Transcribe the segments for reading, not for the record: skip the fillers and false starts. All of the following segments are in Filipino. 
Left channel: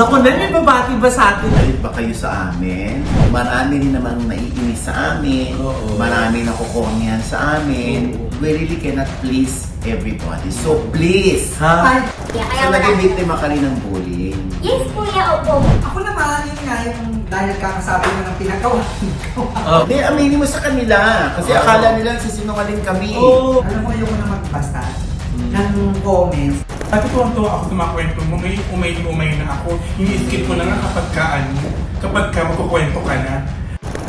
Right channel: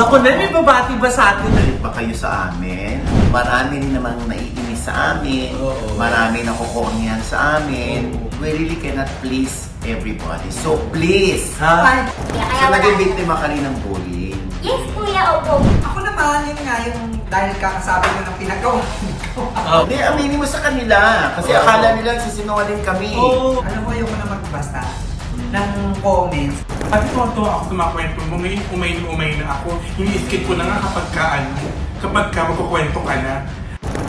Naku na, may babati ba sa atin? Galit ba kayo sa amin? Marami rin namang naiinis sa amin. Marami nakukonyan sa amin. We really cannot please everybody. So please! Ha? So naging biktima ka rin ng bullying. Yes, kuya, opo. Ako naman, yun nga yung dahil kakasabi mo ng pinagawa. Hindi, aminin mo sa kanila. Kasi akala nila nagsisinungaling kami. Alam mo, yung na magbasa ng comments. Pati tuwa ako sa mga kwento mo, ngayon umay na ako. Ini-skip ko na nga kapag ka magkukwento ka na.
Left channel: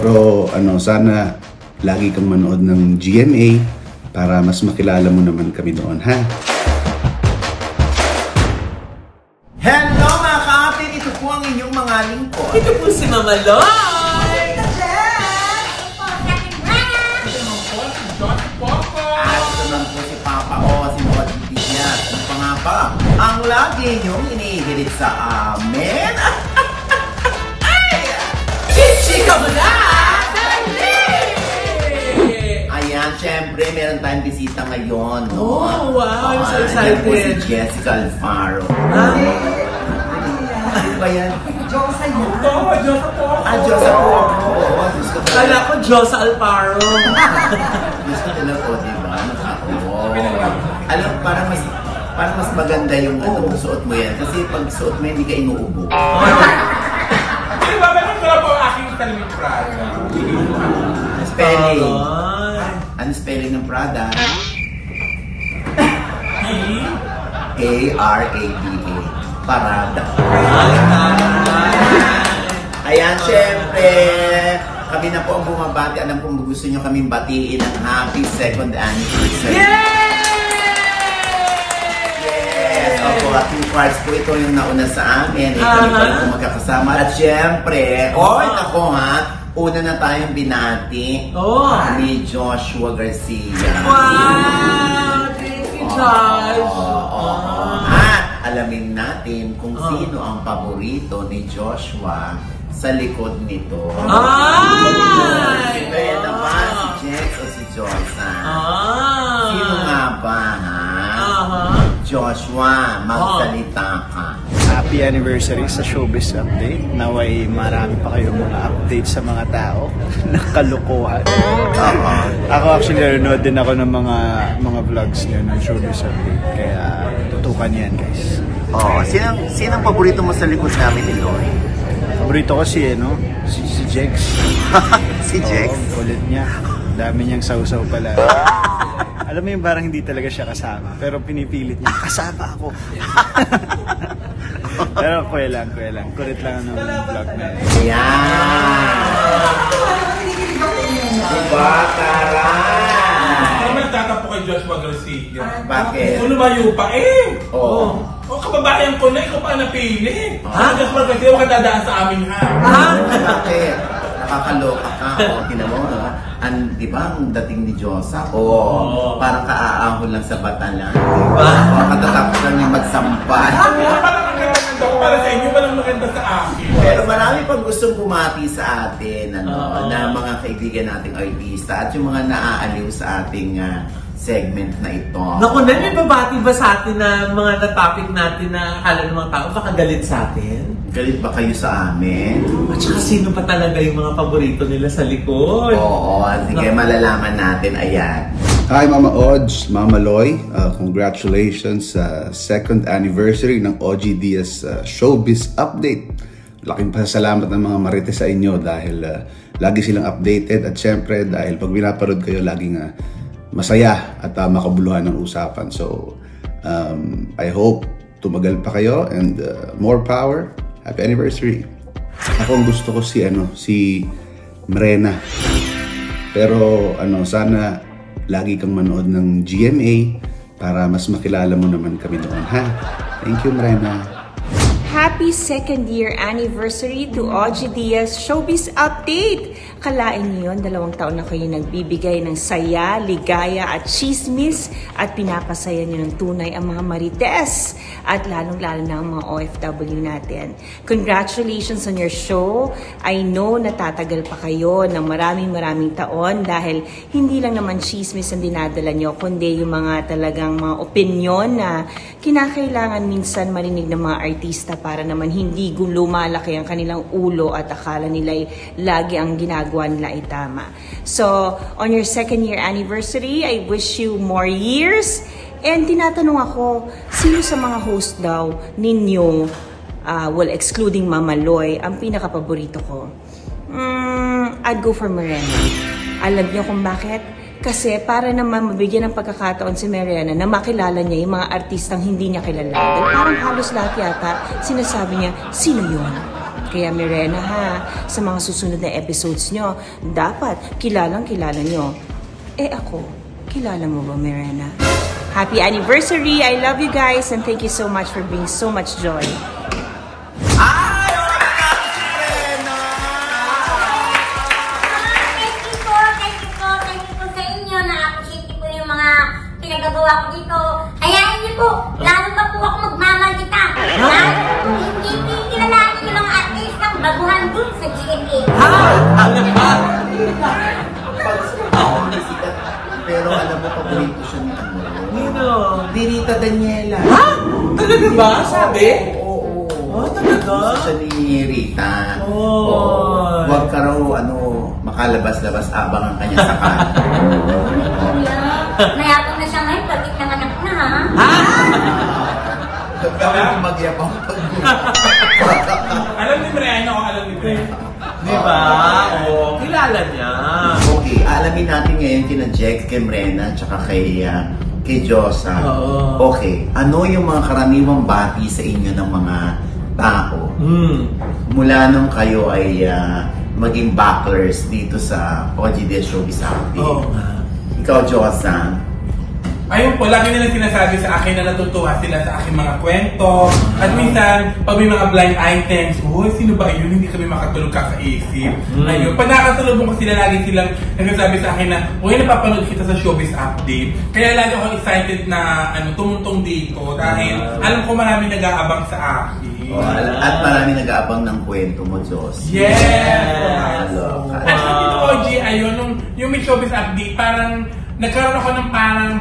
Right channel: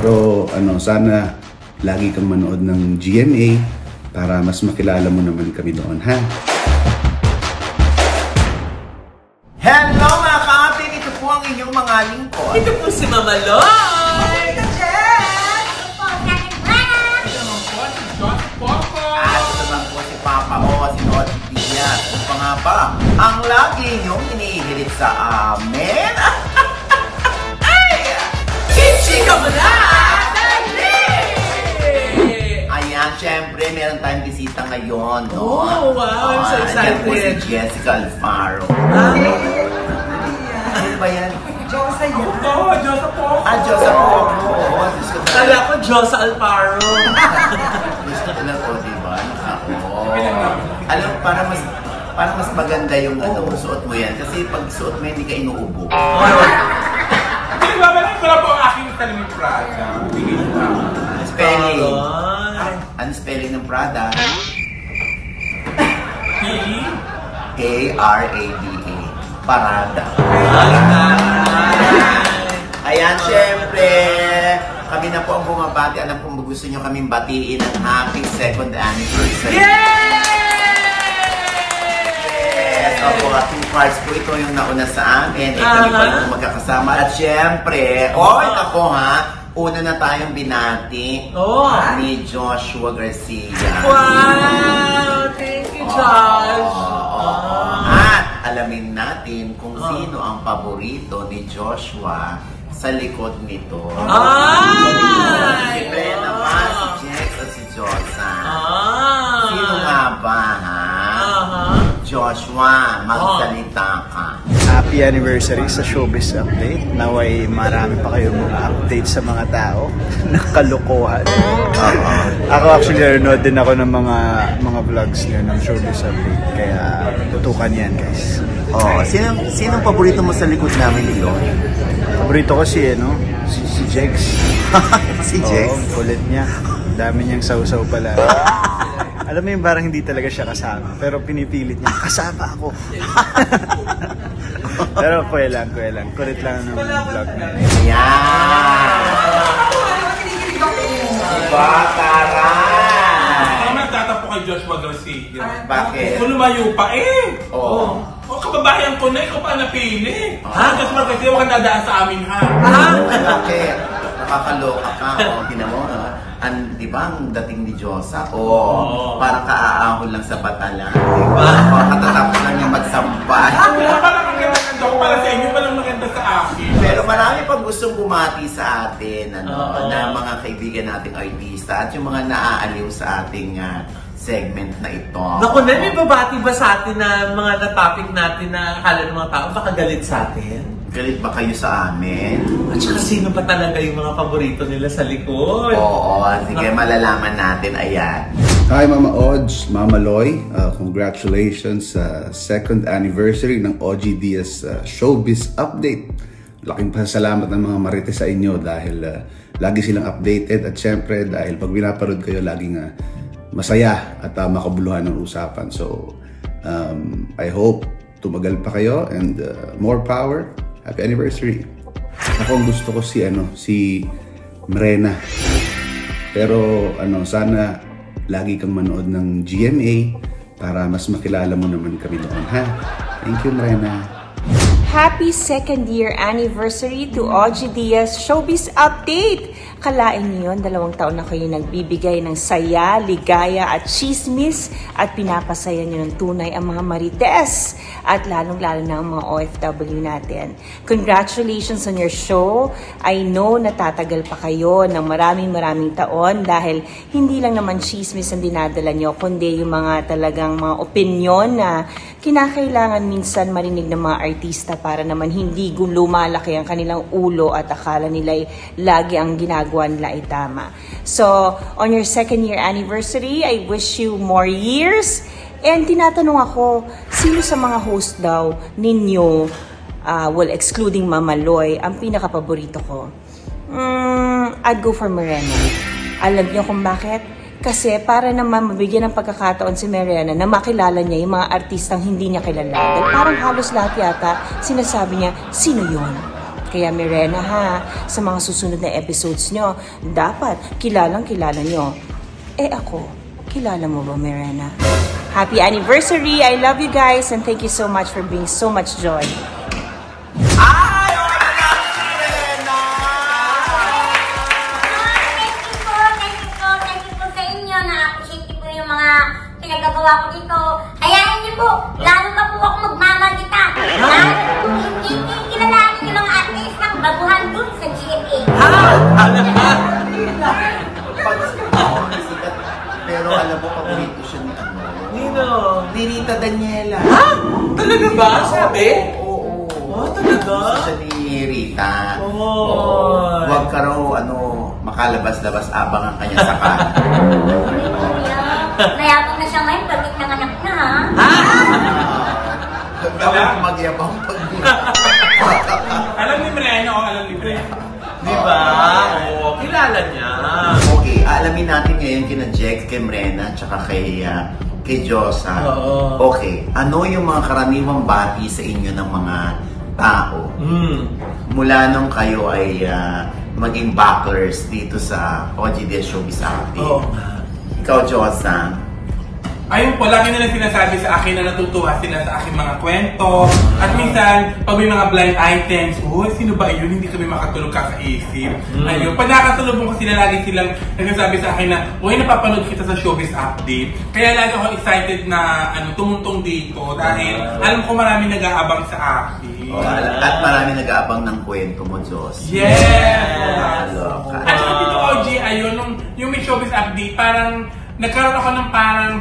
Pero sana lagi kang manood ng GMA para mas makilala mo naman kami doon, ha? Hello mga ka-apik! Ito po ang inyong mga lingkod. Ito po si Mama Loy! At ito naman po si Papa O, si Lord Pizia. Ano pa nga ba? Ang lagi niyong inihilig sa amin. Chika mo na! Dali! Ayan, syempre, meron tayong bisita ngayon, no? Oh, wow! So Ayan po si excited! Jessica Alfaro. Ano ba yan? Diyosa yan. Diyos po! Diyos ako. Oo, Diyos ko. Kala ko Diyos Alparo. Gusto ko na po, diba? Alam, para mas maganda yung suot mo yan. Kasi pag suot mo yan, hindi ka inuubo. Kasi babalik ko lang po ang aking talim Prada. Spelling. Ano spelling ng Prada? A-R-A-D-A. Parada. Ayan, syempre. Kami na po ang bumabati. Alam kung gusto nyo kaming batiin ng happy 2nd anniversary. Yes! Opo, happy prize po. Ito yung nauna sa amin. Ito yung pag magkakasama. At syempre, ako ha, una na tayong binati ni Joshua Garcia. Wow! Thank you, Josh! At alamin natin kung sino ang paborito ni Joshua sa likod nito. Si Brenda ba, si Jex o si Josa? Sino nga ba, ha? Joshua, magsalita ka. Happy anniversary sa Showbiz Update. Naway marami pa kayong mga update sa mga tao na kalokohan. Ako actually nanonood din ako ng mga vlogs niyo ng Showbiz Update. Kaya tutukan yan, guys. Sinong paborito mo sa likod namin, Leon? Paborito ko si Jex. Si Jex? Oo, kulit niya. Dami niyang sausaw pala. Alam mo yung parang hindi talaga siya kasama. Pero pinipilit niya, kasama ako. Pero kuya lang. Kulit lang ng vlog na yun. Ako nagtatapo kay Joshua Garcia. Bakit? Kung lumayo pa Oo. Kababayan ko na, ikaw pa napili. Joshua Garcia, huwag kang dadaan sa amin, ha? Bakit? Nakakaloka ka. Tingnan mo, no? Di ba ang dating ni Josa? Parang kaaahon lang sa batalan. Katatapos lang niya magsampay. Para sa inyo, walang maganda sa akin. Pero marami pang gustong bumati sa atin, na mga kaibigan nating artista at yung mga naaaliw sa ating segment na ito. Naku na, may babati ba sa atin na mga na-topic natin na akala ng mga tao baka galit sa atin? Galit ba kayo sa amin? At saka sino pa talaga yung mga paborito nila sa likod? Oo, sige, malalaman natin. Ayan. Hi Mama Odds, Mama Loy. Congratulations sa 2nd anniversary ng OG Diaz Showbiz Update. Laking pasalamat ng mga marites sa inyo dahil lagi silang updated at syempre dahil pag binaparod kayo laging masaya at makabuluhan ng usapan. So, I hope tumagal pa kayo and more power. Happy anniversary. Ako ang gusto ko si Mrena. Pero sana lagi kang manood ng GMA para mas makilala mo naman kami doon, ha? Thank you, Mrena. Happy 2nd year anniversary to OG Diaz Showbiz Update! Kalain niyo yun, 2 taon na kayo nagbibigay ng saya, ligaya at chismis at pinapasaya niyo ng tunay ang mga marites at lalong-lalo na ang mga OFW natin. Congratulations on your show! I know natatagal pa kayo ng maraming taon dahil hindi lang naman chismis ang dinadala niyo kundi yung mga talagang mga opinyon na kinakailangan minsan marinig ng mga artista para naman hindi lumalaki ang kanilang ulo at akala nila lagi ang ginagawa nila ay tama. So, on your 2nd year anniversary, I wish you more years. And tinatanong ako, sino sa mga host daw ninyo, well, excluding Mama Loy, ang pinaka-paborito ko? I'd go for Morena. Alam niyo kung bakit? Kasi para naman mabigyan ng pagkakataon si Mariana na makilala niya yung mga artistang hindi niya kilala. Dahil parang halos lahat yata sinasabi niya, sino yun? Kaya Mariana ha, sa mga susunod na episodes nyo, dapat kilalang kilala nyo. Ako, kilala mo ba Mariana? Happy anniversary! I love you guys and thank you so much for bringing so much joy. Pinagagawa ko dito. Hayaan niyo po, lalo ba po ako magmamagita? Lalo po, hindi kilalanin niyo mga artistang baguhan dun sa GMA. Pero alam mo, paborito siya ni ano? Nino? Rita Daniela. Ha? Talaga ba? Sabi? Oo. Talaga? Siya ni Rita. Huwag ka raw, makalabas-labas abang ang kanya sa kan. Mayabang na siya ngayon, pagkit ng anak na ha? Dapat magyabang Alam ni Mariana o alam ni Mariana? Diba? Kilala niya. Okay, alamin natin ngayon kina Jex, kay Mrena, tsaka kay Josa. Okay, ano yung mga karaniwang bati sa inyo ng mga tao? Mula nung kayo ay maging backers dito sa OGDS Showbiz Update. Ikaw, Josa. Ayun po, lagi nila sinasabi sa akin na natutuwa sila sa aking mga kwento. At minsan, pag may mga blind items, sino ba yun? Hindi kami makatulog kakaisip. Ayun, pag nakatulog ko sila, lagi silang nagsasabi sa akin na, napapanood kita sa Showbiz Update. Kaya lagi ako excited na tumuntong dito. Dahil alam ko marami nag-aabang sa akin. At marami nag-aabang ng kwento mo, Jos. Yes! At dito, OG, ayun, yung may Showbiz Update, parang nagkaroon ako ng parang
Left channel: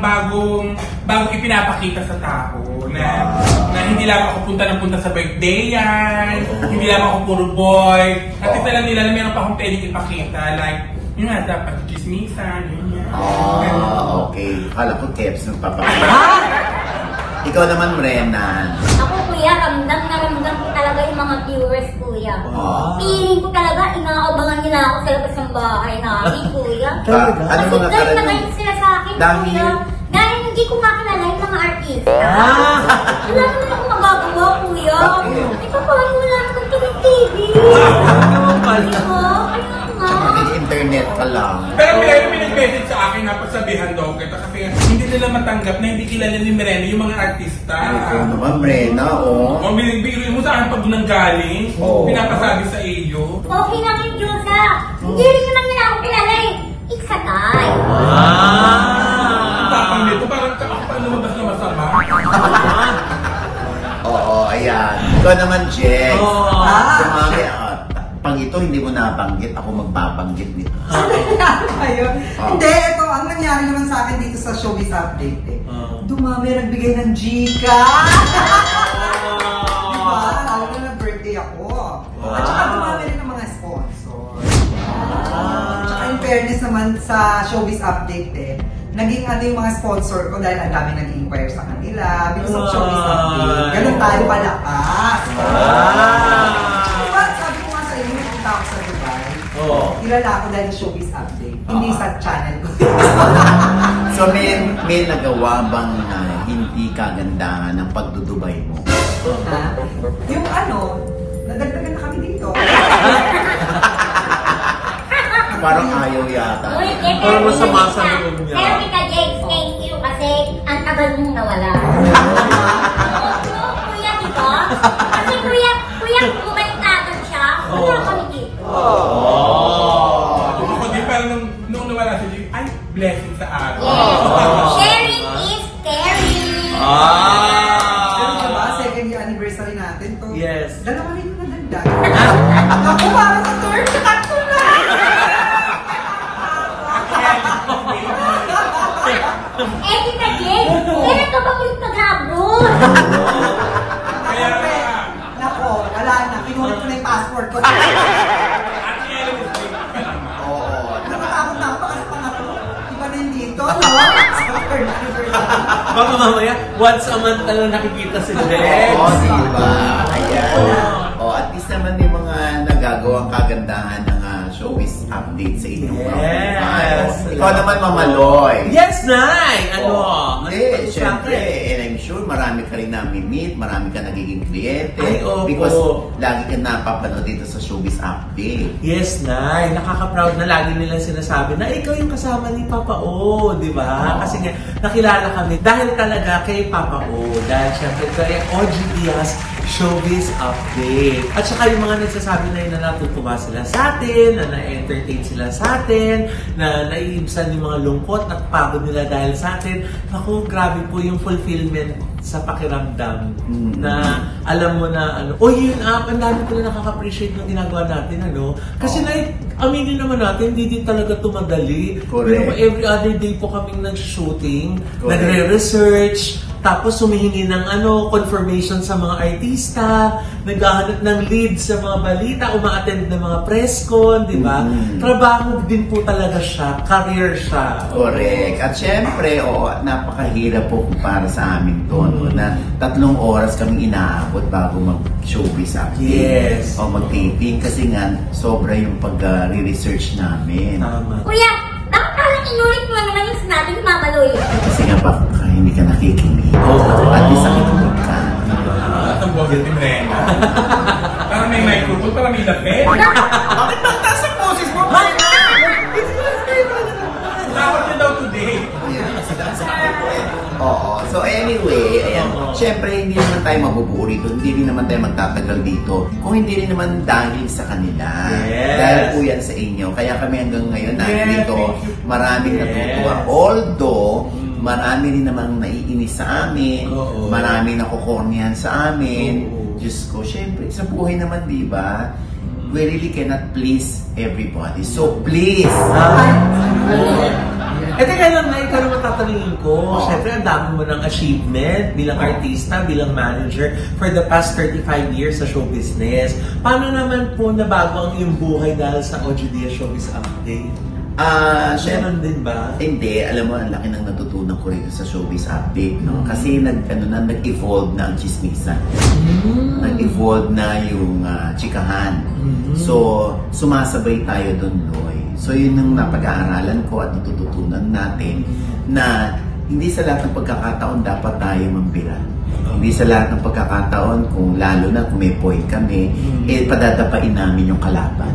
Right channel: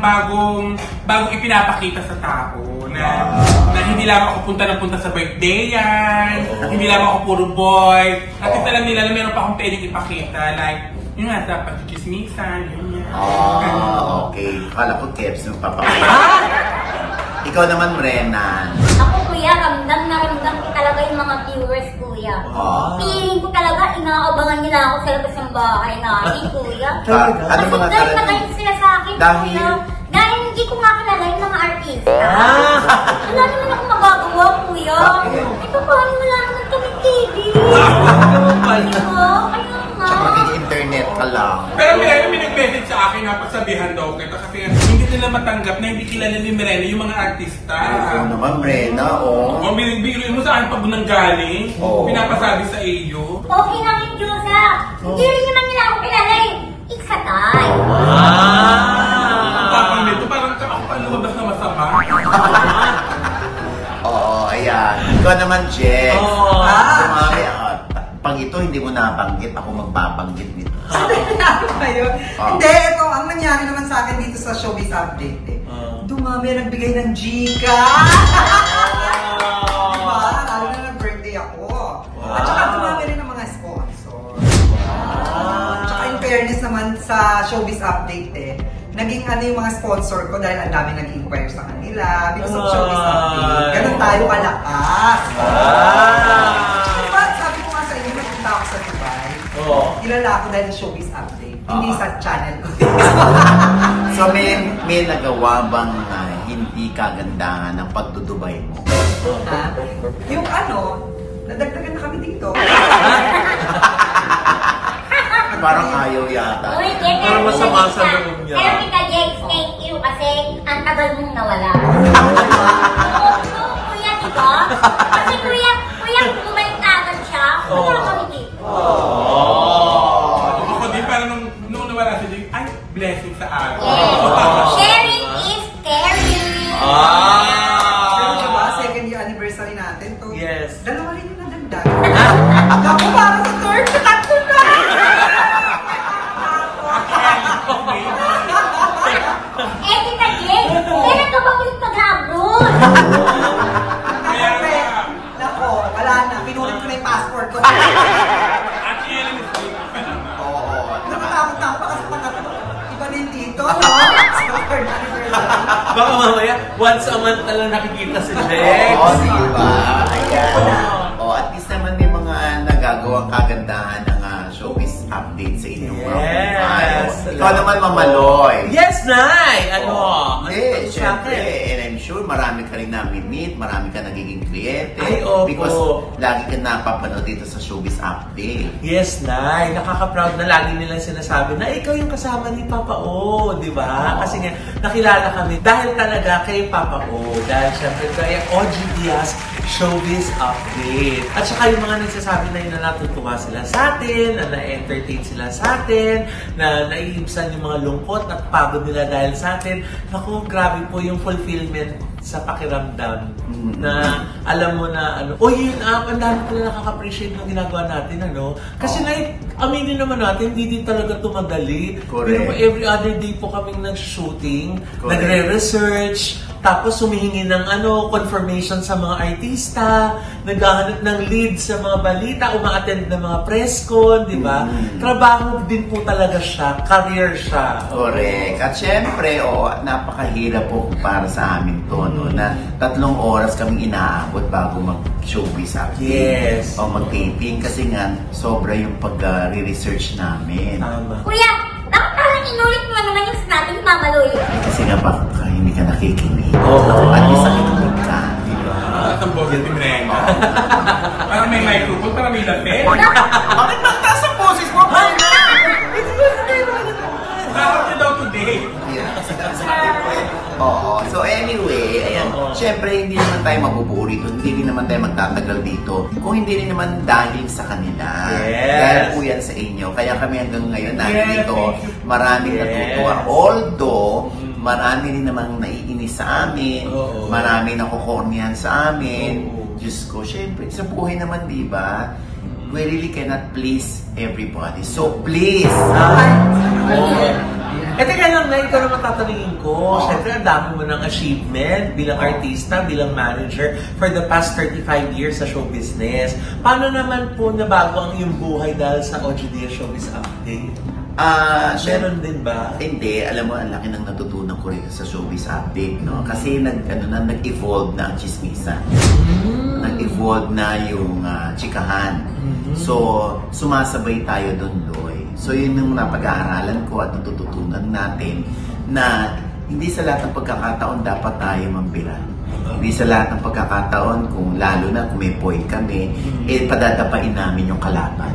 bagong ipinapakita sa tao na hindi lang ako punta sa birthday yan, hindi lang ako puro boy, at isa lang nila na meron pa akong pwedeng ipakita, like, yun nga, dapat chismisan, yun. Okay. Kala ko Kets nung papakita. Ikaw naman, Mrena. Ako, kuya, ramdam ko talaga yung mga viewers, kuya. Feeling ko talaga, inaabangan nila ako sa labas ng bahay namin, kuya. Ano mga karaniwan? Nakain sila sa akin, kuya. Dahil hindi ko nga kilala yung mga artista. Wala naman ako magagawa, kuya. Ito parang wala naman kaming TV. Kaya nga. Internet ka lang. Pero may nag-message sa akin na pagsabihan daw kita kasi hindi nila matanggap na hindi kilala ni Mirena yung mga artista. Oo naman, Mrena, O bigyan mo sa akin pag nanggaling, pinapasabi sa iyo. Okay na rin, Josa. Hindi rin naman nila ako kilala eh. Ikatay. Parang nito, parang paano lumabas na masama. Oo, ayan. Ikaw naman, Jex. Sumami pang ito, hindi mo nabanggit. Ako magbabanggit nito. Hindi, ito, ang nangyari naman sa akin dito sa Showbiz Update dumami, nagbigay ng Gika. Diba? Lalo na nag-birthday ako. At saka dumami rin ng mga sponsor. Saka in fairness naman sa Showbiz Update naging yung mga sponsor ko dahil ang dami nag-inquire sa kanila. Dito sa Showbiz Update. Ganun tayo palakas. Diba, sabi ko nga sa inyo, nagpunta ako sa Dubai. Kilala ako dahil sa Showbiz Update. Hindi sa channel ko. So may nagawa bang hindi kagandahan ng pagdudubay mo? Yung nadagdagan na kami dito. Parang ayaw yata. Uy, Parang masama sa loob niya. Pero kita, Jex, thank you kasi ang tagal mong nawala. Kuya, diba? Kasi kuya, bumalik na agad siya. Wala kami dito. Ako di parang nung nawala sila, ay, blessing sa akin. Sharing is caring. Ano ba ba? Second year anniversary natin to. Yes. Dalawa rin yung naganda. Ako parang sa third tatlo na. Tita Jex, meron ka ba ulit mag-abroad? record. Baka mamaya, once a month na lang nakikita si Greg. Oo, diba? Ayan. At least naman may mga nagagawang kagandahan ng showbiz update sa inyong program. Ikaw naman, Mamaloy. Yes, Nay! Siyempre, and I'm sure marami ka rin namin-meet, marami ka nagiging kliyente. Ay, opo. Because lagi ka napapanood dito sa showbiz update. Yes, Nay. Nakaka-proud na lagi nilang sinasabi na ikaw yung kasama ni Papa O, di ba? Kasi nga, nakilala kami dahil talaga kay Papa O. Dahil syempre, kay OG Diaz Showbiz Update. At saka yung mga nagsasabi na yun na natutuwa sila sa atin, na na-entertain sila sa atin, na naiibsan yung mga lungkot at pagod nila dahil sa atin. Naku, grabe po yung fulfillment sa pakiramdam na alam mo na yun ang dami ko na nakaka-appreciate ng ginagawa natin, Kasi aminin naman natin, hindi din talaga tumadali. Pero every other day po kaming nag-shooting, nagre-research, tapos humihingi ng confirmation sa mga artista, naghahanap ng lead sa mga balita, uma-attend ng mga press con, di ba? Trabaho din po talaga siya, career siya. Correct. At syempre, napakahirap po para sa amin to, na 3 oras kami inaabot bago mag-showbiz update. Yes. O mag-taping kasi nga, sobra yung pag-research namin. Tama. Kuya, bakit parang inulit mo naman yung sinabi ni Mamaloy? Kasi nga baka hindi ka nakikinig. At least nakikinig ka. Ang bogel din na parang may microphone, parang may lapet. Bakit magtaas ang boses mo? Bakit ka daw today? So anyway, siyempre hindi naman tayo mabuburi dito, hindi rin naman tayo magtatagal dito kung hindi rin naman dahil sa kanila. Dahil po yan sa inyo. Kaya kami hanggang ngayon nandito, maraming natutuwa. Although, marami rin namang naiinis sa amin, maraming nakukornihan sa amin. Diyos ko, siyempre, sa buhay naman, di ba? We really cannot please everybody. So please! Teka lang na, ikaw naman tatanungin ko. Siyempre, ang dami mo ng achievement bilang artista, bilang manager for the past 35 years sa show business. Paano naman po nabago ang iyong buhay dahil sa OG Diaz Showbiz Update? Meron din ba? Hindi. Alam mo, ang laki ng natutunan ko rito sa Showbiz Update, no? Kasi nag-evolve na ang chismisan. Nag-evolve na yung chikahan. So, sumasabay tayo doon, Loy. So, yun yung napag-aaralan ko at natututunan natin na hindi sa lahat ng pagkakataon dapat tayo mambiran. Hindi sa lahat ng pagkakataon, kung lalo na kung may point kami, padadapain namin yung kalaban.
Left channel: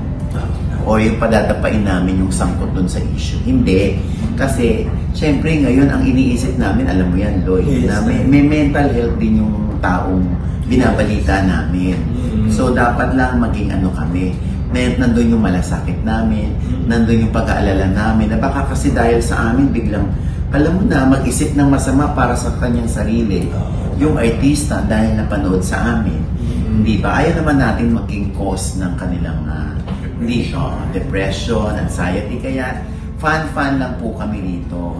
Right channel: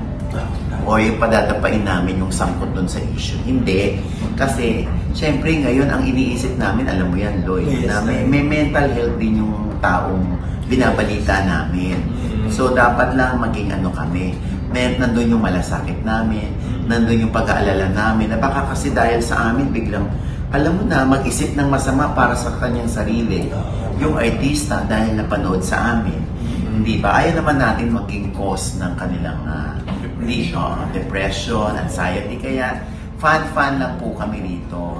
O yung padadapain namin yung sangkot dun sa issue. Hindi. Kasi, syempre ngayon, ang iniisip namin, alam mo yan, Loy, na may mental health din yung taong binabalita namin. So, dapat lang maging kami. Nandun yung malasakit namin, nandun yung pag-aalala namin, na baka kasi dahil sa amin, biglang, alam mo na, mag-isip ng masama para sa kanyang sarili. Yung artista, dahil napanood sa amin. Hindi ba? Ayaw naman natin maging cause ng kanilang depression, anxiety. Kaya, fan lang po kami dito.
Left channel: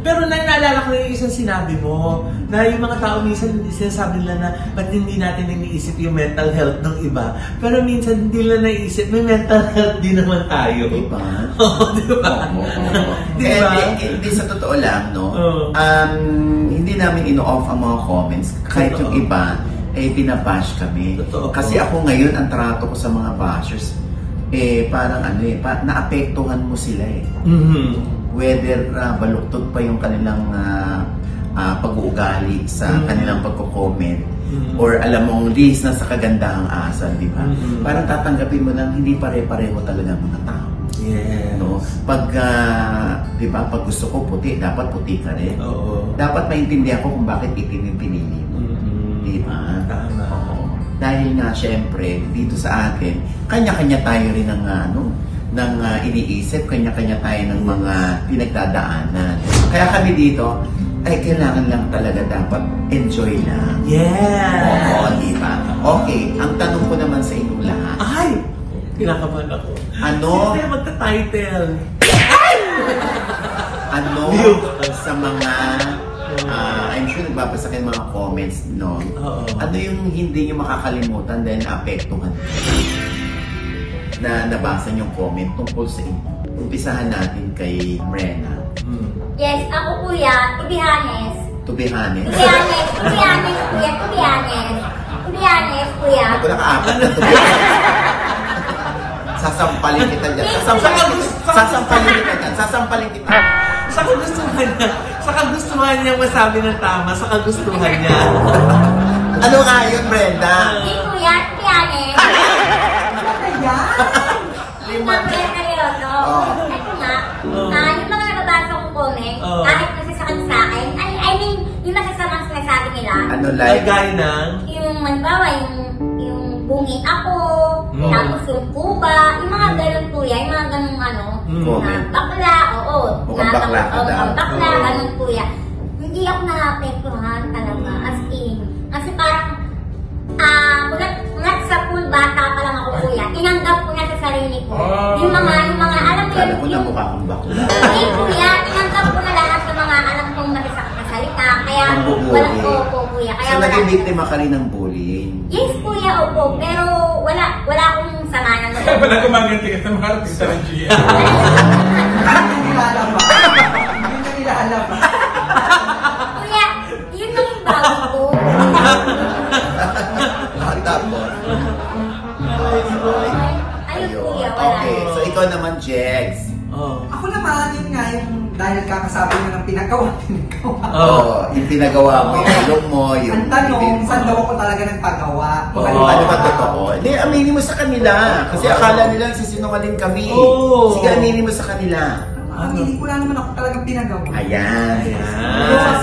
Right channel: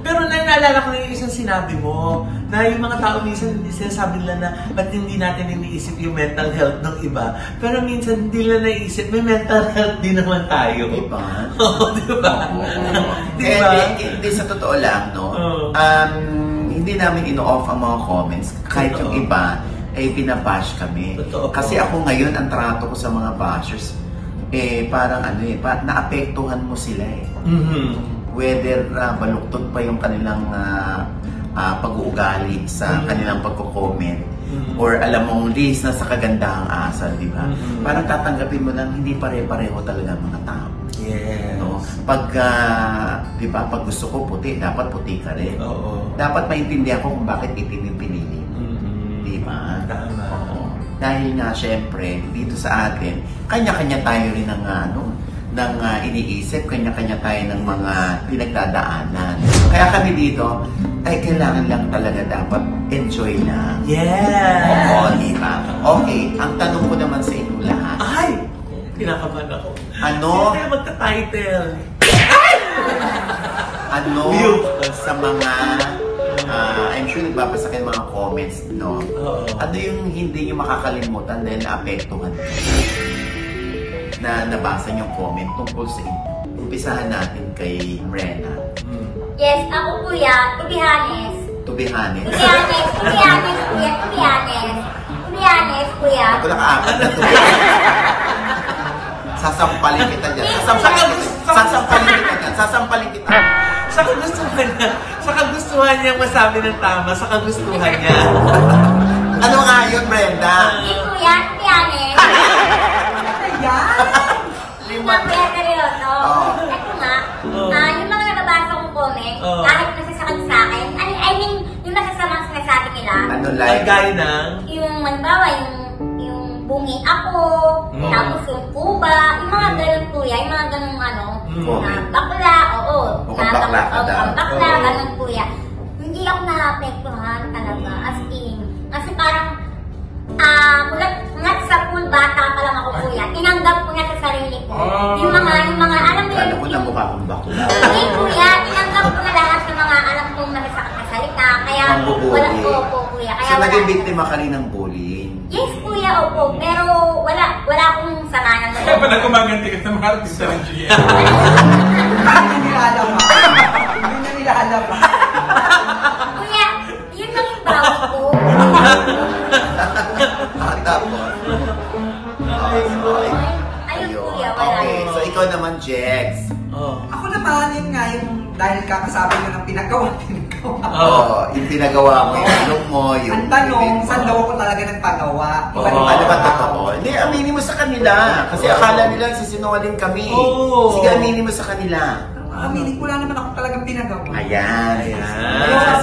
Pero naalala ko yung isang sinabi mo, na yung mga tao minsan hindi sinasabi nila na ba't hindi natin iniisip yung mental health ng iba. Pero minsan hindi nila naiisip, may mental health din naman tayo. Diba? Oo, diba? Diba? Hindi sa totoo lang, no? Hindi namin ino-off ang mga comments. Kahit yung iba, pinabash kami. Kasi ako ngayon, ang trato ko sa mga bashers, parang naapektuhan mo sila whether baluktot pa yung kanilang pag-uugali sa kanilang pagko-comment or alam mong list na sa kagandahang asal, di ba? Parang tatanggapin mo lang, hindi pare-pareho talaga mga tao. No? Pag, di ba, pag gusto ko puti, dapat puti ka rin. Dapat maintindihan ko kung bakit pinipili. Di ba? Dahil nga, syempre, dito sa atin, kanya-kanya tayo rin ng iniisip, kanya-kanya tayo ng mga pinagdadaanan. Kaya kami dito, kailangan lang talaga dapat enjoy na. Oo, diba? Okay, ang tanong ko naman sa inyo lahat. Ay! Kinakabahan ako. Ano? Hindi tayo magta-title. Ano sa mga I'm sure nagbabasa kayo mga comments, no? Ano yung hindi nyo makakalimutan dahil naapektuhan na nabasa yung comment tungkol sa umpisahan natin kay Brenna. Yes, ako kuya, to be honest. To be honest. To be honest, kuya, to be honest. To be honest, kuya. Wala ka apat na to be sasampalin kita dyan. Sasampalin kita. Sa kagustuhan niya masabi ng tama, sa kagustuhan niya. Ano nga yun, Brenda? Hindi kuya, to be honest. Yung mga kuya seryoso. Ito nga, yung mga nababasa kong comment, kahit nasasakit sa akin, I mean, yung masasamang sinasabi nila. Ano like? Gaya ng? Yung, manbawa, yung bungi ako, tapos yung kuba, yung mga ganun kuya, yung mga ganun ano, na bakla, oo. Mukhang bakla ka daw. Bakla, ganun kuya. Hindi ako na-apektuhan talaga, as in. Kasi parang, mulat sa pool, bata pa lang ako kuya. Tinanggap ko na sa sarili ko. Yung mga, alam mo Kala ko na yung... mukha kang bakla. Hindi kuya, tinanggap ko na lahat ng mga alam kong masasakit na salita. Kaya, wala ko po kuya. Kaya So, wala. naging biktima ka rin ng bullying. Yes kuya, opo. Pero wala akong sama ng loob. Wala gumaganti ka sa mga artista ng GM. Hindi nila alam ba? Hindi na nila alam ba? Kuya, yun lang yung bago ko. Tapos. Ayun kuya, wala. Okay, so ikaw naman, Jex. Ako naman, yun nga, yung dahil kakasabi mo ng pinagawa. Yung pinagawa mo, yung look mo, yung... Ang tanong, saan daw ako talaga nagpagawa? Ano ba totoo? Hindi, aminin mo sa kanila. Kasi akala nila nagsisinungaling kami. Sige, aminin mo sa kanila. Aminin ko lang naman ako talagang pinagawa. Ayan.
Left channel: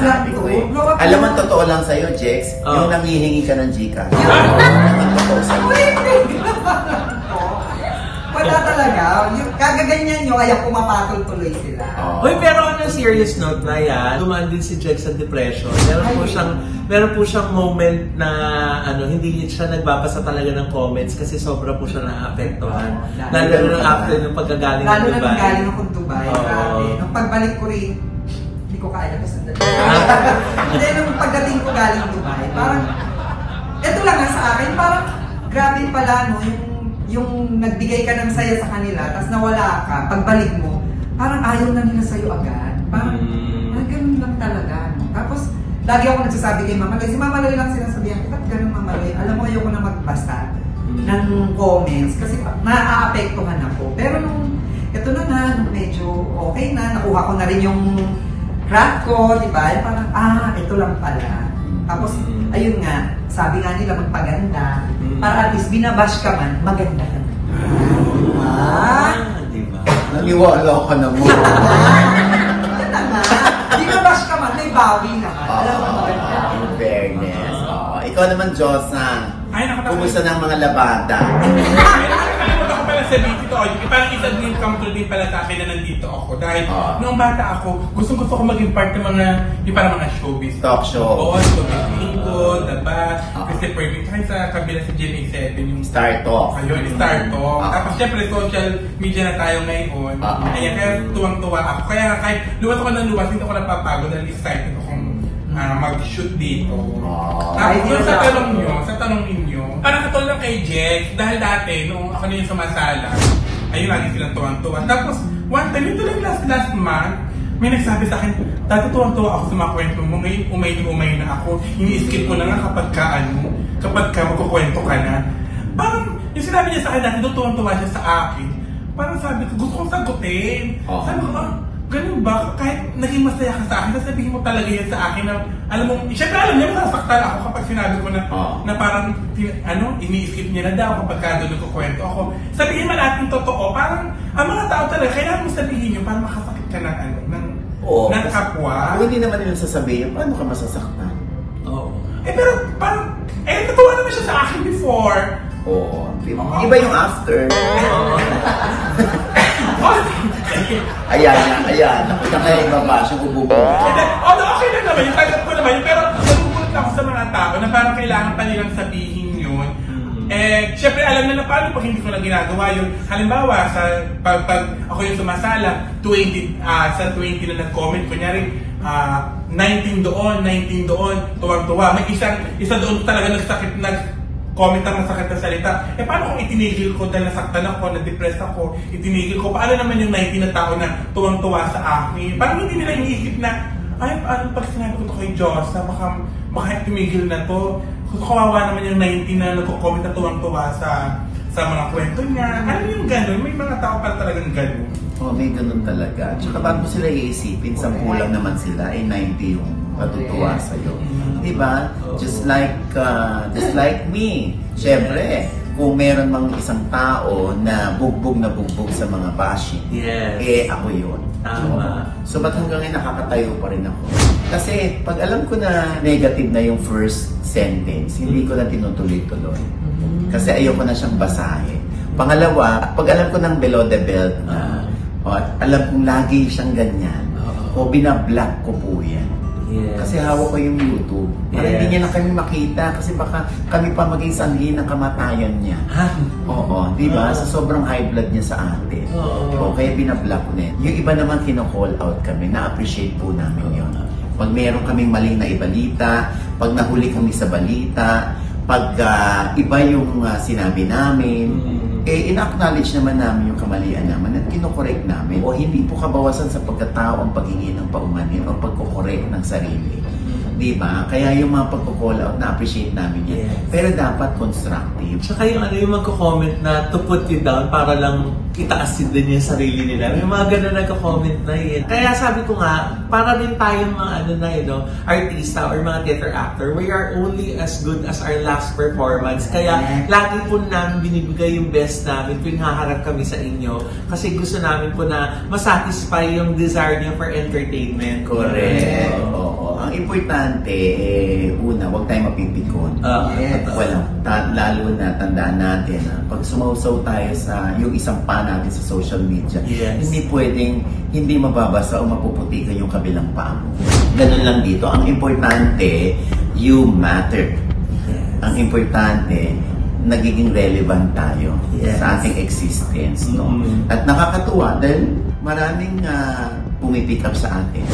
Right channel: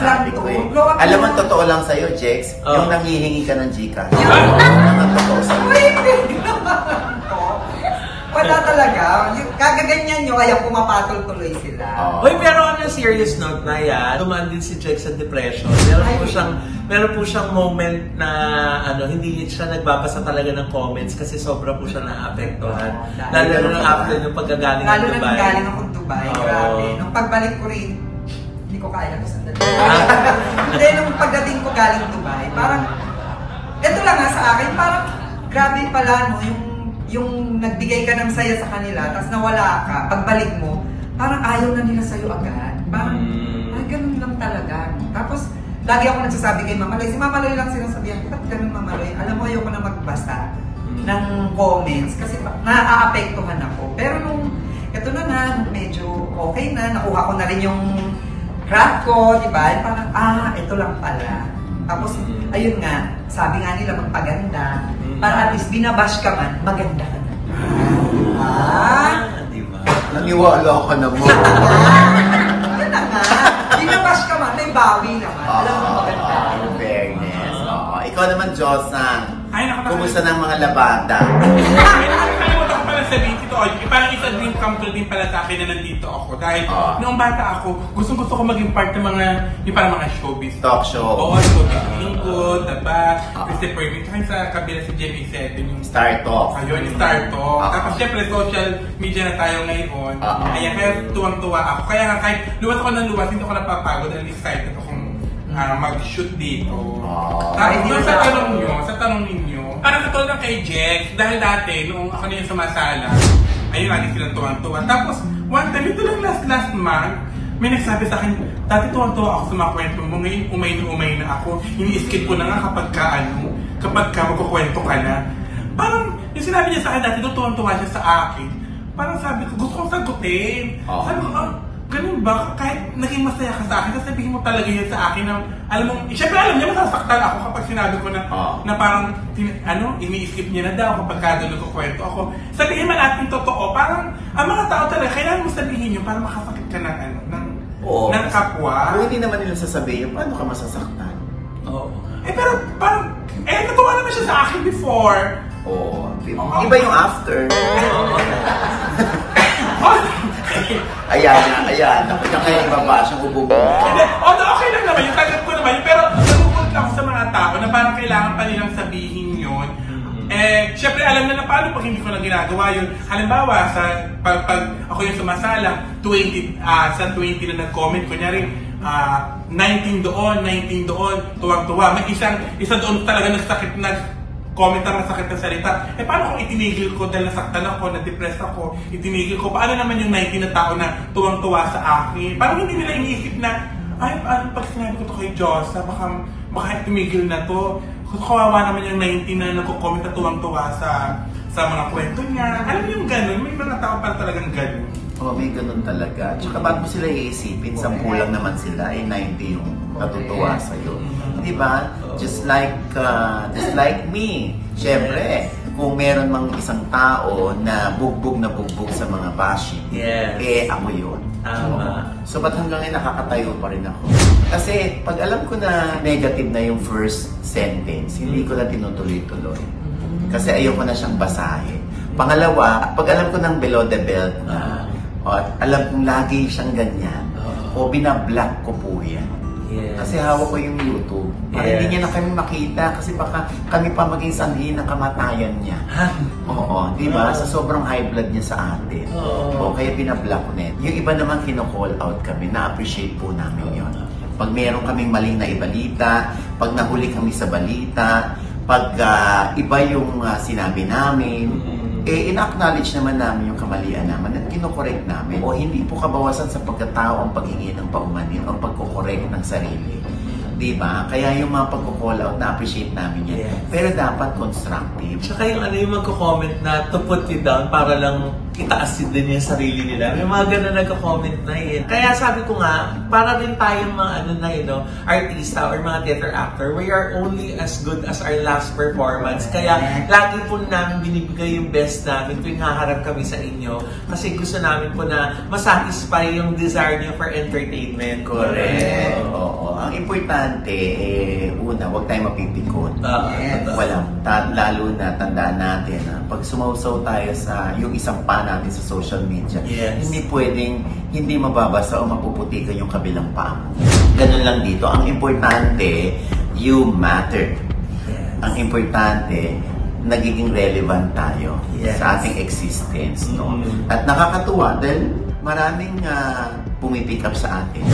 Sabi ko eh. Alam mo, totoo lang sa'yo, Jex, yung nanghihingi ka ng Gcash. Ang totoo sa'yo. Wala talaga. Yung kagaganyan nyo, kaya pumapatol tuloy sila. Hoy, pero on a serious note na yan, dumaan din si Jex sa depression. Meron po siyang moment na hindi siya nagbabasa talaga ng comments kasi sobra po siya naapektuhan. Lalo na after ng pagkagaling ng Dubai. Lalo na galing akong Dubai. Grabe. Nung pagbalik ko rin, hindi ko kaya na sa Dubai. Hindi, nung pagdating ko galing Dubai, parang, ito lang nga sa akin, parang grabe pala, no, yung nagbigay ka ng saya sa kanila, tapos nawala ka, pagbalik mo, parang ayaw na nila sa'yo agad. Parang, ganun lang talaga. No? Tapos, lagi ako nagsasabi kay Mama Loy. Si Mama Loy lang sinasabihan ko, ba't ganun Mama Loy? Alam mo, ayoko na magbasa ng comments kasi naaapektuhan ako. Pero nung, eto na nga, nung medyo okay na, nakuha ko na rin yung craft ko, di ba? Parang, ito lang pala. Tapos, ayun nga, sabi nga nila magpaganda. Para at least binabash ka man, maganda ka na. Diba? Naniwala ka naman. Yan na nga. Binabash ka man, may bawi naman. Alam mo maganda. In fairness. Ikaw naman, Josang. Kumusta ng mga labada? Sabihin ko, parang isa-dream come to din pala sa akin na nandito ako. Dahil noong bata ako, gusto ko maging part ng mga showbiz. Talk show. Oo, showbiz Bingo, diba? Kasi pwede tayo sa kabila sa GMA7. Star Talk. Ayun, Star Talk. Tapos syempre, social media na tayo ngayon. Kaya tuwang-tuwa ako. Kaya kahit luwas ako ng luwas, hindi ako napapagod and excited akong mag-shoot dito. Tapos sa tanong ninyo, parang katulad lang kay Jex, dahil dati, nung ako na yung sumasala, ayun lagi silang tuwang-tuwa. Tapos, one time, ito lang last month, may nagsabi sa akin, dati tuwang-tuwa ako sa mga kwento mo, ngayon umay na ako. Ini-skip ko na nga kapag ka magkukwento ka na. Parang, yung sinabi niya sa akin dati, tuwang-tuwa siya sa akin. Parang sabi ko, gusto kong sagutin. Sabi ko, ganun ba? Kahit naging masaya ka sa akin, sasabihin mo talaga yan sa akin na, alam mo, syempre alam niya, masasaktan ako kapag sinabi ko na parang, ini-skip niya na daw kapag kagalo ko kwento ako. Sabihin man natin totoo, parang, ang mga tao talaga, kaya mo sabihin yun, parang makasakit ka ng kapwa. Kung hindi naman nila sasabihin, paano ka masasaktan? Pero parang, natuwa naman siya sa akin before. Iba yung after. Ayan. Nakita kayo ibabas yung ubo ko. Okay na naman, yung tanggap ko naman, pero nagugulat ako sa mga tao na parang kailangan pa nilang sabihin yun. Siyempre alam na paano pag hindi ko na ginagawa yun. Halimbawa, pag ako yung sumasala, 20 na nag-comment, kunyari, 19 doon, tuwang-tuwa. May isa doon talaga nagsakit comment ang masakit na salita. Paano kung itinigil ko dahil nasaktan ako, na-depress ako, itinigil ko, paano naman yung 19 na tao na tuwang-tuwa sa akin? Parang hindi nila iisip na, ay, paano pag sinabi ko ito kay Diyos, na baka itinigil na to. Kawawa naman yung 19 na nagko-comment na tuwang-tuwa sa mga kwento niya. Ano yung gano'n? May mga tao pa talagang gano'n. May gano'n talaga. Tsaka bago sila iisipin, 10 lang naman sila, 90 yung natutuwa sa'yo. Diba? Just like me. Siyempre, kung meron mang isang tao na bugbog sa mga bashing, ako yun. Tama. So, ba't hanggang ngayon nakakatayo pa rin ako? Kasi, pag alam ko na negative na yung first sentence, hindi ko na tinutuloy-tuloy. Kasi ayoko na siyang basahin. Pangalawa, pag alam ko ng below the belt na, at alam kong lagi siyang ganyan, o binablock ko po yan. Kasi hawak ko yung YouTube. Hindi niya na kami makita kasi baka kami pa mag-iisanghin ng kamatayan niya. Oo, di ba? Sa sobrang high blood niya sa atin. Kaya binablock ko na. Yung iba naman kino-call out kami, na-appreciate po namin yun. Pag meron kaming maling na ibalita, pag nahuli kami sa balita, pag iba yung sinabi namin, ina-acknowledge naman namin yung kamalian naman at kinokorek namin. O hindi po kabawasan sa pagkatao ang paghingi ng paumanhin o pagkokorek ng sarili. Diba? Kaya yung mga pagko-call out, na-appreciate namin yan. Pero dapat constructive. Tsaka yung magko-comment na to put you down para lang itaasin din yung sarili nila. May mga ganun nagko-comment na yun. Kaya sabi ko nga, para din tayong mga artista or mga theater actor, we are only as good as our last performance. Kaya lagi po namin binibigay yung best namin tuwing haharap kami sa inyo. Kasi gusto namin po na masatisfy yung desire niyo for entertainment. Correct. Oo. Ang importante, una, huwag tayo mapipikon. Lalo na tandaan natin, pag sumausaw tayo sa yung isang pa natin sa social media, hindi pwedeng hindi mababasa o mapuputikan yung kabilang paa mo. Ganun lang dito. Ang importante, you matter. Ang importante, nagiging relevant tayo sa ating existence. No? At nakakatuwa dahil maraming pumipick up sa atin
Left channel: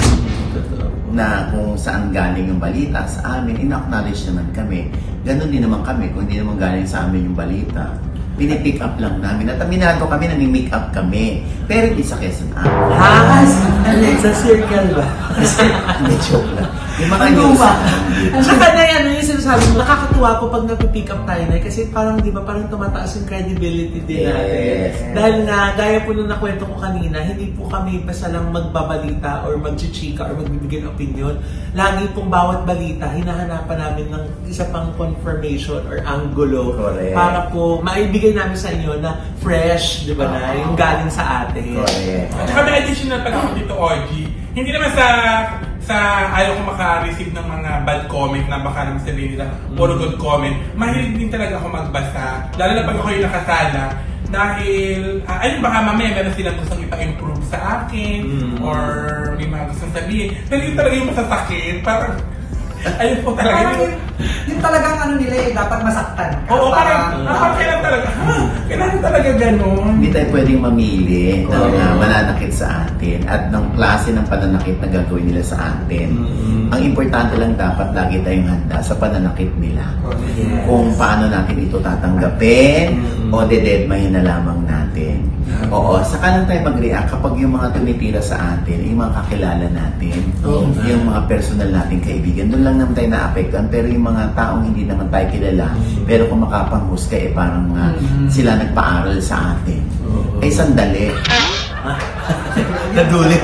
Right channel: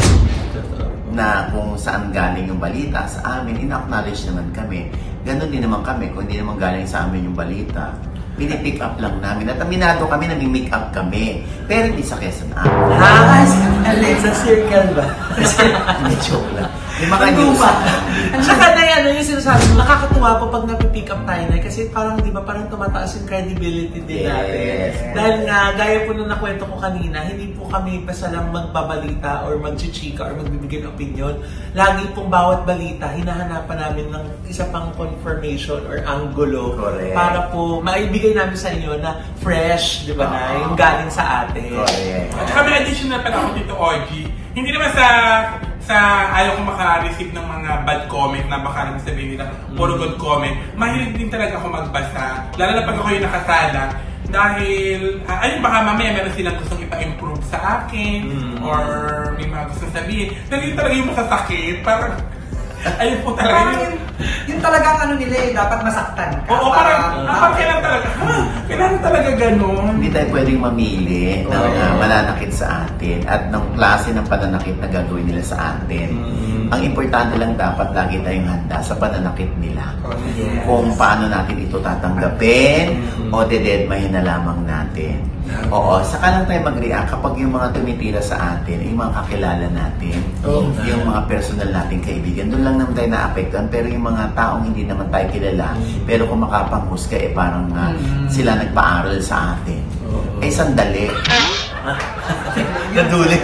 na kung saan galing yung balita sa amin, in-acknowledge naman kami. Ganon din naman kami, kung hindi naman galing sa amin yung balita, pinipick up lang namin. At aminado kami na ni-make up kami. Pero hindi sa Quezon Sa circle ba? Hindi, joke lang. Yung mga Saka na yan, yung sinasabi mo, nakakatuwa po pag napipick up tayo na kasi parang, di ba, parang tumataas yung credibility din natin. Dahil nga, gaya po nung nakwento ko kanina, hindi po kami basta lang magbabalita or magchichika or magbibigay ng opinion. Lagi pong bawat balita, hinahanapan namin ng isa pang confirmation or angulo para po maibigay namin sa inyo na fresh, di ba na, yung galing sa atin. Saka may additional pa ako dito, Ogie. Hindi naman sa ayaw ko maka-receive ng mga bad comment na baka naman sabihin nila puro good comment. Mahilig din talaga ako magbasa. Lalo na pag ako yung nakasala. Dahil, ayun baka mamaya meron silang gustong ipa-improve sa akin or may mga gusto sabihin. Pero yun talaga yung masasakit. Parang, ayun po talaga. Yung talagang nila dapat masaktan ka. Oo, parang kailangan talaga ganun. Hindi tayo pwedeng mamili ng mananakit sa atin at ng klase ng pananakit na gagawin nila sa atin. Ang importante lang dapat lagi tayong handa sa pananakit nila. Kung paano natin ito tatanggapin o dededmahin na lamang natin. Oo, saka lang tayo mag-react kapag yung mga tumitira sa atin, yung mga kakilala natin, yung mga personal nating kaibigan, doon lang naman tayo na-apektan. Pero yung mga taong hindi naman tayo kilala, pero kung makapanghusga, parang sila nagpaaral sa atin. Sandali. Nadulit.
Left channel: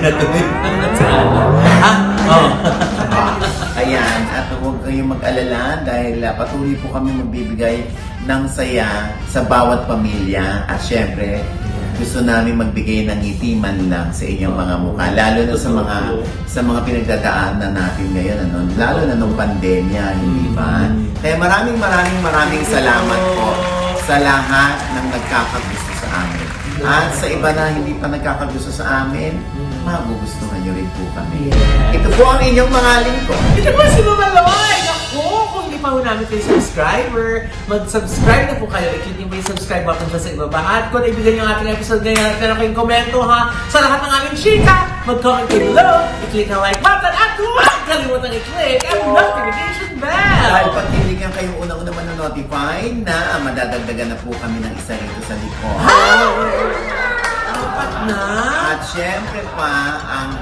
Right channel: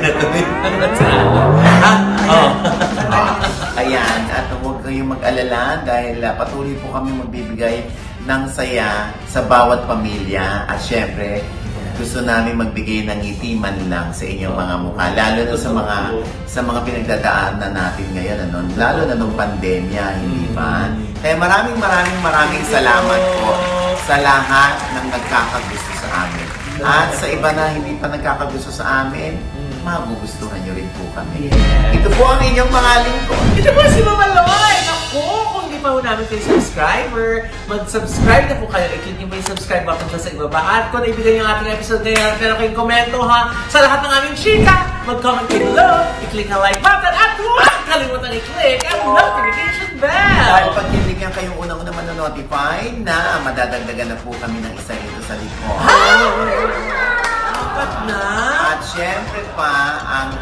Ayan, at huwag kayong mag-alala dahil patuloy po kami magbibigay ng saya sa bawat pamilya at syempre, gusto namin magbigay ng ngiti man lang sa inyong mga mukha, lalo na sa mga pinagdadaanan natin ngayon, lalo na nung pandemya, hindi ba? Kaya maraming salamat po sa lahat ng nagkakagusto sa amin. At sa iba na hindi pa nagkakagusto sa amin, magugustuhan nyo rin po kami. Ito po ang inyong mga lingkod. Ito po si Mama Loy! Naku, kung hindi pa po namin kayo subscriber, mag-subscribe na po kayo. I-click nyo yung subscribe button dyan sa ibaba. At kung naibigan nyo ang ating episode ngayon at meron kayong komento sa lahat ng aming chika, mag-comment kayo below, i-click ang like button at huwag kalimutan i-click ang notification bell! Dahil pag tibigyan kayong unang-una manonotify na madadagdagan na po kami ng isa rito sa likod. At syempre pa, ang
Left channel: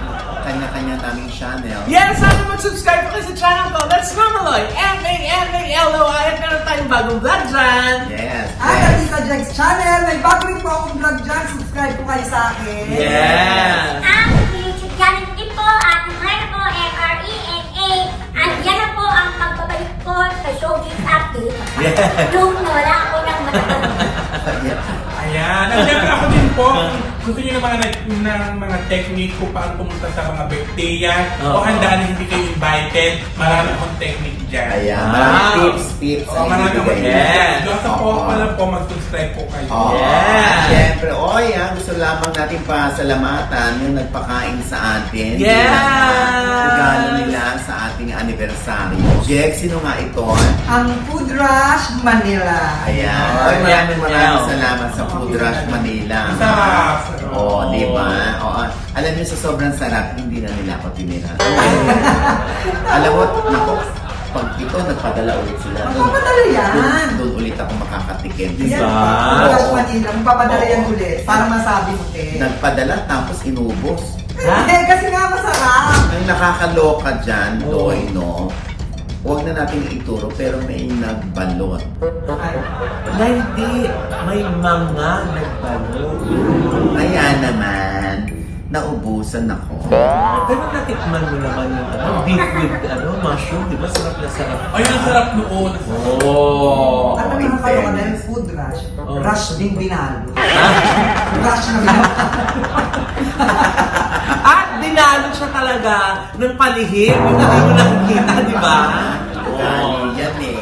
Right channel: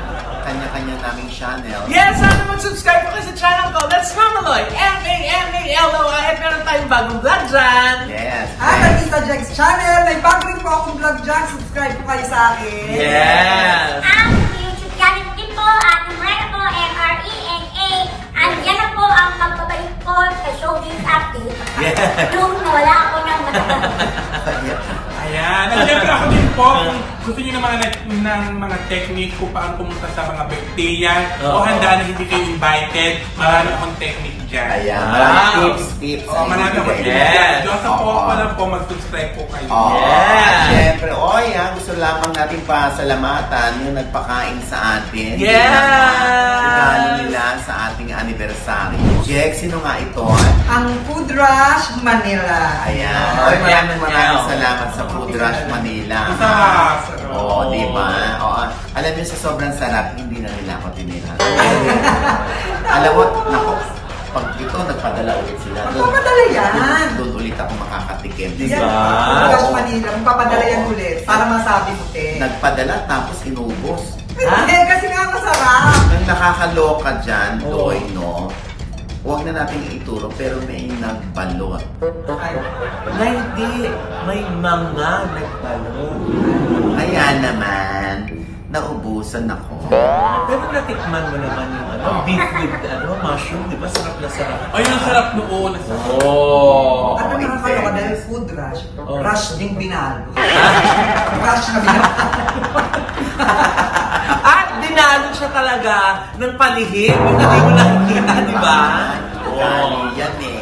kanya-kanya naming channel. Yes, sana mag-subscribe po kayo sa channel ko. That's Mamaloy. M-A-M-A-L-O-I. At meron tayong bagong vlog dyan. Yes. At ang Tita Jex channel, may bago rin po akong vlog dyan. Subscribe po kayo sa akin. Yes. Ang YouTube channel ko din po, at Mrena po, M-R-E-N-A. Andiyan na po ang pagbabalik po sa Showbiz Update. Yes. Nung wala ako ng matagal. Ayan. At syempre ako din po, gusto nyo ng mga technique kung paano pumunta sa mga birthday yan. O handa na hindi kayo invited. Marami akong technique dyan. Ayan. Tips. Marami akong Yes. Diyos po, alam po, mag-subscribe po kayo. Yes. Siyempre, gusto lamang natin pasalamatan yung nagpakain sa atin. Yes. Regalo nila sa ating anniversary. Jex, sino nga ito? Ang Food Rush Manila. Ayan. Maraming salamat sa Food Rush Manila. Sarap. Oo, di ba? Alam niyo, sa sobrang sarap, hindi na nila ako tinira. Alam mo, nako, pag ito, nagpadala ulit sila. Magpapadala yan. Doon ulit ako makakatikim. Yes, Diba? Food Rush Manila. Magpapadala yan ulit. Para masabi mo, te. Nagpadala, tapos inubos. Hindi, kasi nga masarap. Ang nakakaloka dyan, Doy, no? Huwag na natin ituro, pero may nagbalot. Ay. Na hindi, may mga nagbalo. Kaya naman, naubusan ako. Pero natikman mo naman yung beef with mushroom, di ba? Sarap na sarap. Ay, ang sarap noon. Oh. Ano naman kayo dahil Food Rush? Rush din pinalo. Rush na At dinalo siya talaga ng palihim. Yung hindi mo nakikita, di ba? Yan eh.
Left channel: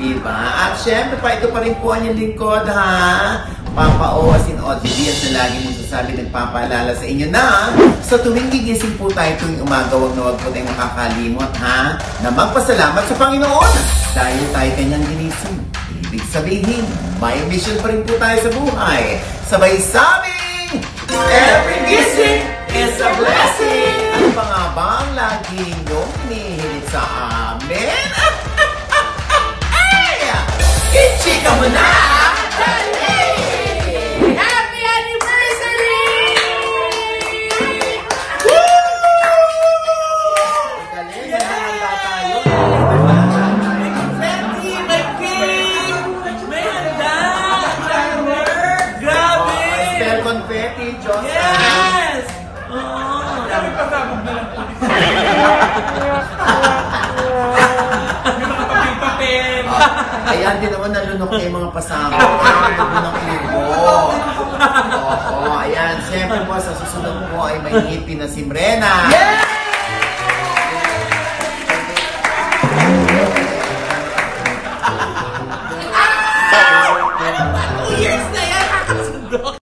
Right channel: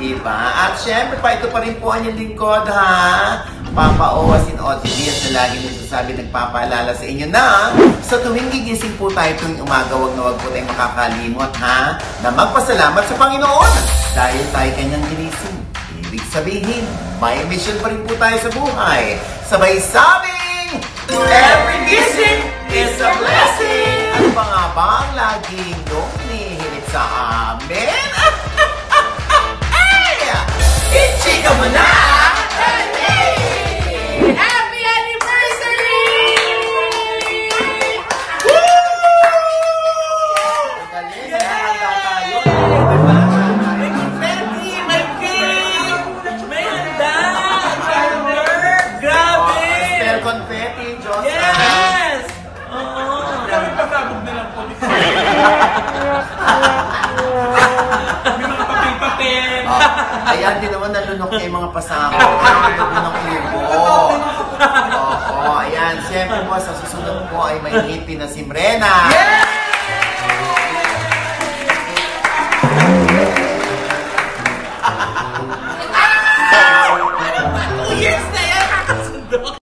Diba? At syempre pa, ito pa rin po ang yung lingkod, ha? Papa O, as in OGDS na lagi nagsasabi, nagpapaalala sa inyo na sa tuwing gigising po tayo tuwing umaga, wag na wag po tayong makakalimot, ha? Na magpasalamat sa Panginoon dahil tayo kanyang ginising. Ibig sabihin, may mission pa rin po tayo sa buhay. Sabay sabing, every gising is a blessing! Ano pa nga ba ang lagi niyong hinihilit sa amin? Ichika mo na! Happy anniversary! May cake! May handa! Grabe! Confetti, Diyos. Yes! Kami pasabog na lang po. Ayan din naman nalunok na yung mga pasabog. Nalunok yung buo. Oo, ayan. Siyempre po, sa susunod po ay may ngipin na si Mrena. Yes!